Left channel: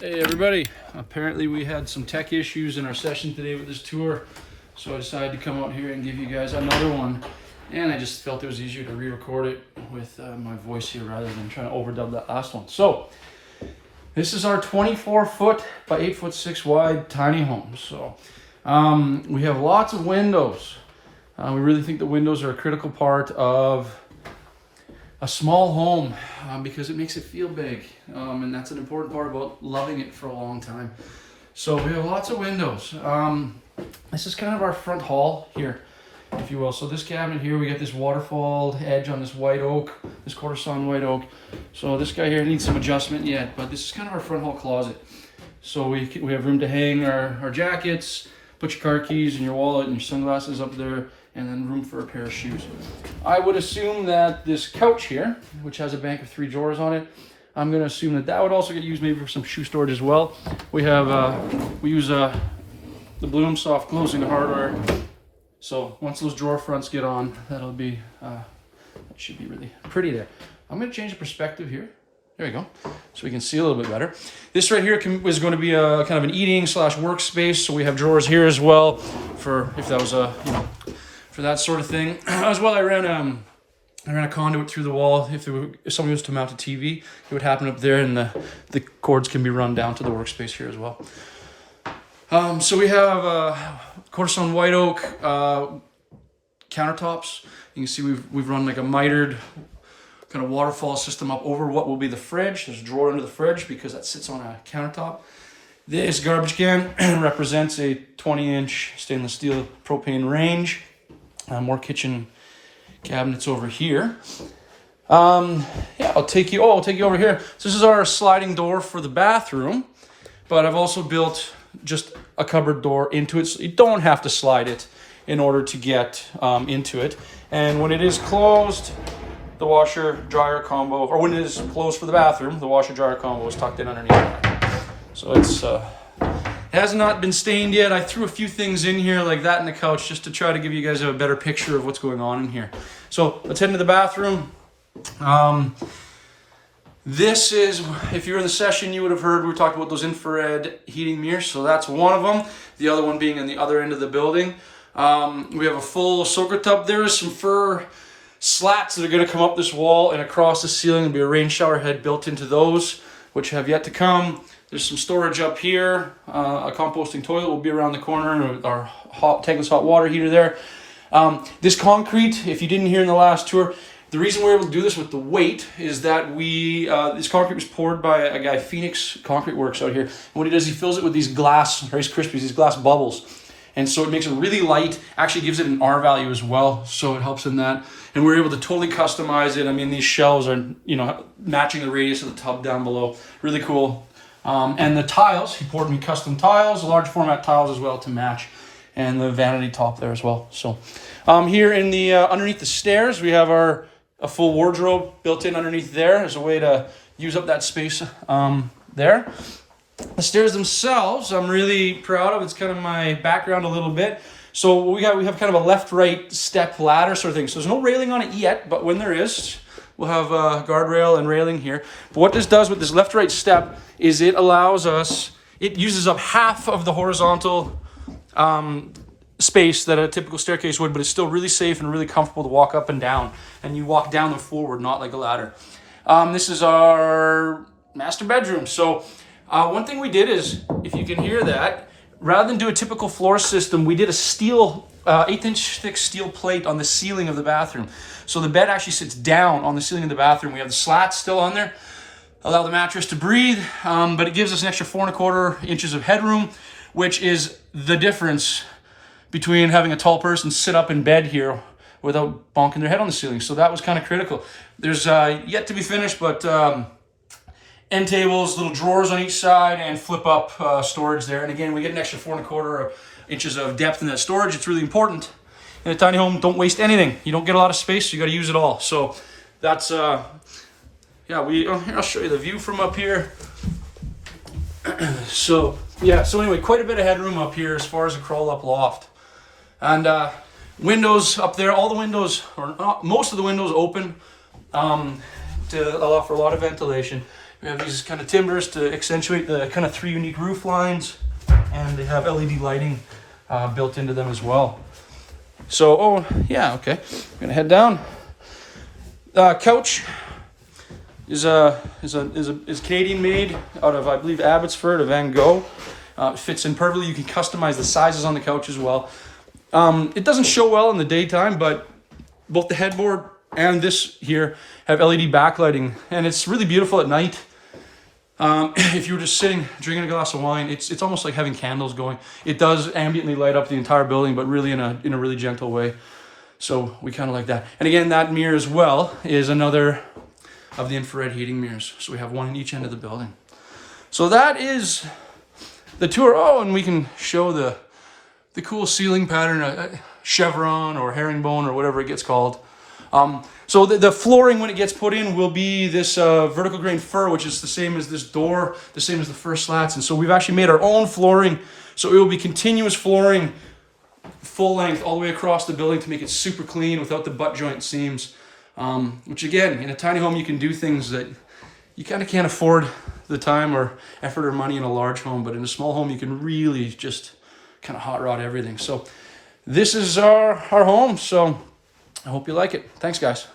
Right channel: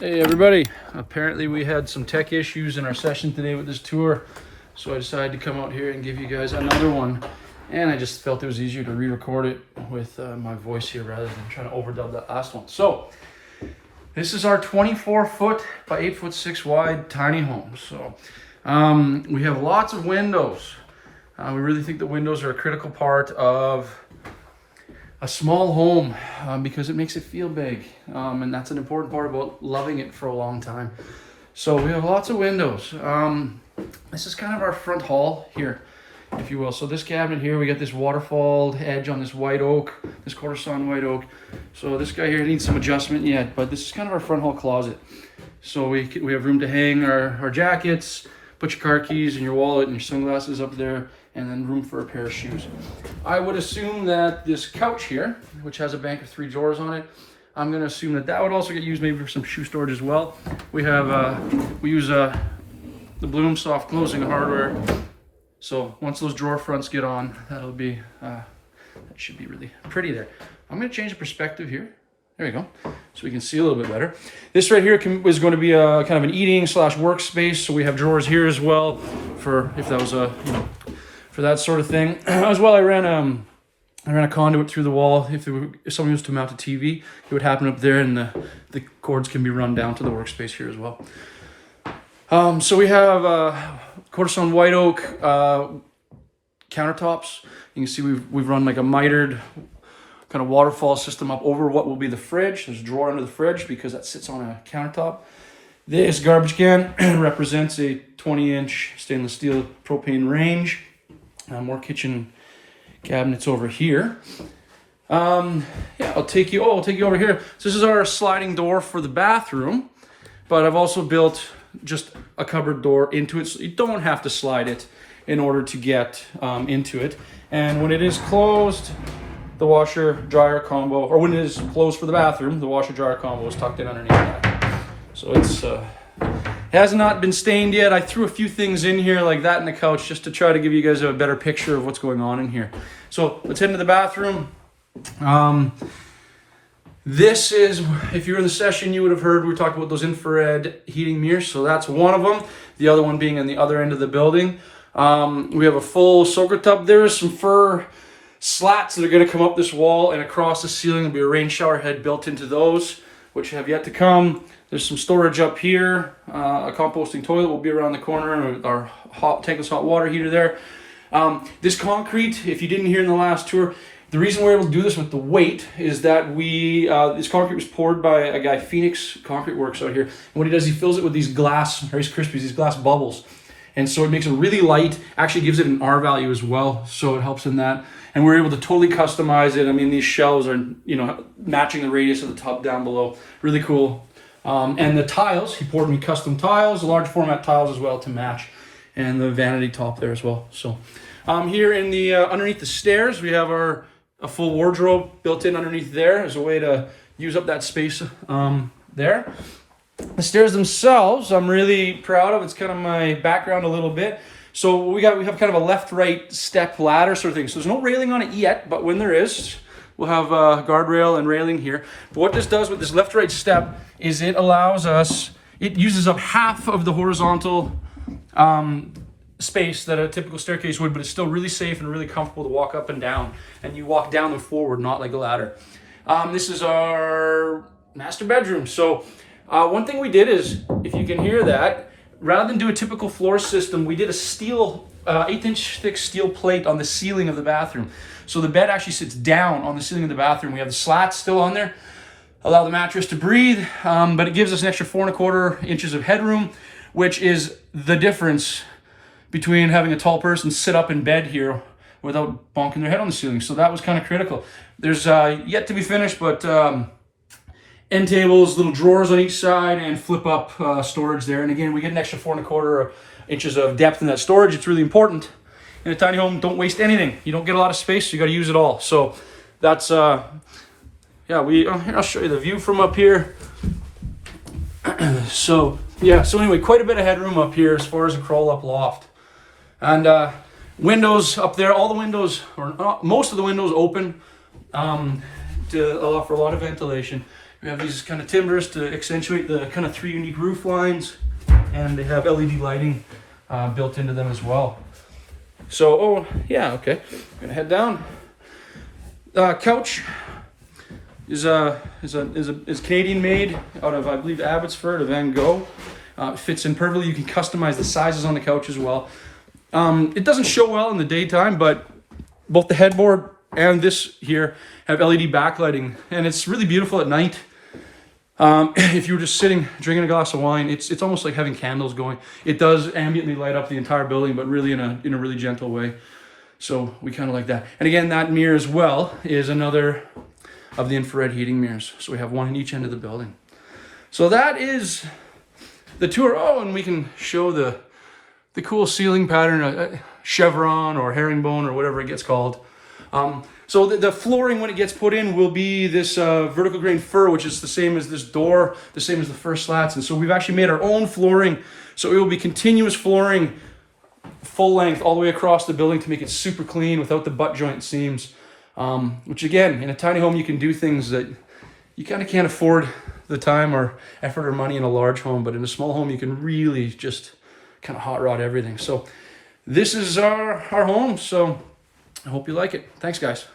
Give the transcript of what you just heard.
Hey everybody, apparently we had some tech issues in our session today with this tour, so I decided to come out here and give you guys another one, and I just felt it was easier to re-record it with my voice here rather than trying to overdub that last one. So this is our 24 foot by 8 foot 6 wide tiny home. So we have lots of windows. We really think the windows are a critical part of a small home because it makes it feel big, and that's an important part about loving it for a long time. So we have lots of windows. This is kind of our front hall here, if you will. So this cabinet here, we got this waterfall edge on this white oak, this quarter sawn white oak. So this guy here needs some adjustment yet, but this is kind of our front hall closet. So we have room to hang our jackets, put your car keys and your wallet and your sunglasses up there, and then room for a pair of shoes. I would assume that this couch here, which has a bank of 3 drawers on it, I'm going to assume that that would also get used maybe for some shoe storage as well. We use the Bloom soft closing hardware. So once those drawer fronts get on, that'll be that should be really pretty there. I'm going to change the perspective here. There we go, so we can see a little bit better. This right here is going to be a kind of an eating / workspace. So we have drawers here as well for if that was a for that sort of thing. As well, I ran a conduit through the wall. If somebody was to mount a TV, it would happen up there, and the cords can be run down to the workspace here as well. So we have quarter sawn white oak countertops. You can see we've run like a mitered kind of waterfall system up over what will be the fridge. There's a drawer under the fridge because that sits on a countertop. This garbage can represents a 20-inch stainless steel propane range. More kitchen cabinets over here. Yeah, I'll take you over here. So this is our sliding door for the bathroom, but I've also built just a cupboard door into it, so you don't have to slide it in order to get into it. And when it is closed, the washer dryer combo, or when it is closed for the bathroom, the washer dryer combo is tucked in underneath that. So it's it has not been stained yet. I threw a few things in here like that in the couch just to try to give you guys a better picture of what's going on in here. So let's head into the bathroom. This is, if you were in the session, you would have heard we were talking about those infrared heating mirrors. So that's one of them. The other one being in the other end of the building. We have a full soaker tub. There is some fur slats that are going to come up this wall and across the ceiling. There'll be a rain shower head built into those, which have yet to come. There's some storage up here. A composting toilet will be around the corner. Our tankless hot water heater there. This concrete, if you didn't hear in the last tour, the reason we're able to do this with the weight is that this concrete was poured by a guy, Phoenix Concrete Works out here. And what he does, he fills it with these glass Rice Krispies, these glass bubbles. And so it makes it really light, actually gives it an R value as well, so it helps in that. And we're able to totally customize it. I mean, these shelves are, matching the radius of the tub down below. Really cool. And the tiles, he poured me custom tiles, large format tiles as well to match, and the vanity top there as well. So here in the underneath the stairs, we have a full wardrobe built in underneath there as a way to use up that space there. The stairs themselves, I'm really proud of. It's kind of my background a little bit. So we have kind of a left-right step ladder sort of thing. So there's no railing on it yet, but when there is, we'll have a guardrail and railing here. But what this does with this left-right step is it uses up half of the horizontal space that a typical staircase would, but it's still really safe and really comfortable to walk up and down. And you walk down and forward, not like a ladder. This is our master bedroom. So one thing we did is, if you can hear that, rather than do a typical floor system, we did a steel, 1/8-inch thick steel plate on the ceiling of the bathroom. So the bed actually sits down on the ceiling of the bathroom. We have the slats still on there, allow the mattress to breathe, but it gives us an extra 4¼ inches of headroom, which is the difference between having a tall person sit up in bed here without bonking their head on the ceiling. So that was kind of critical. There's yet to be finished, but end tables, little drawers on each side, and flip up storage there. And again, we get an extra 4¼ inches of depth in that storage. It's really important. In a tiny home, don't waste anything. You don't get a lot of space, so you got to use it all. So that's yeah. Here, I'll show you the view from up here. So yeah. So anyway, quite a bit of headroom up here as far as a crawl up loft, and windows up there. All the windows, or most of the windows, open to allow for a lot of ventilation. We have these kind of timbers to accentuate the kind of 3 unique roof lines, and they have LED lighting built into them as well. So, oh yeah, okay. I'm gonna head down. Couch is Canadian made out of, I believe, Abbotsford or Van Gogh. It fits in perfectly. You can customize the sizes on the couch as well. It doesn't show well in the daytime, but both the headboard and this here have LED backlighting, and it's really beautiful at night. If you were just sitting drinking a glass of wine, it's almost like having candles going. It does ambiently light up the entire building, but really in a really gentle way. So we kind of like that. And again, that mirror as well is another of the infrared heating mirrors. So we have one in each end of the building. So that is the tour. Oh, and we can show the cool ceiling pattern, a chevron or herringbone or whatever it gets called. So the flooring, when it gets put in, will be this vertical grain fir, which is the same as this door, the same as the first slats. And so we've actually made our own flooring. So it will be continuous flooring, full length, all the way across the building to make it super clean without the butt joint seams. Which again, in a tiny home, you can do things that you kind of can't afford the time or effort or money in a large home. But in a small home, you can really just kind of hot rod everything. So this is our home. So I hope you like it. Thanks, guys.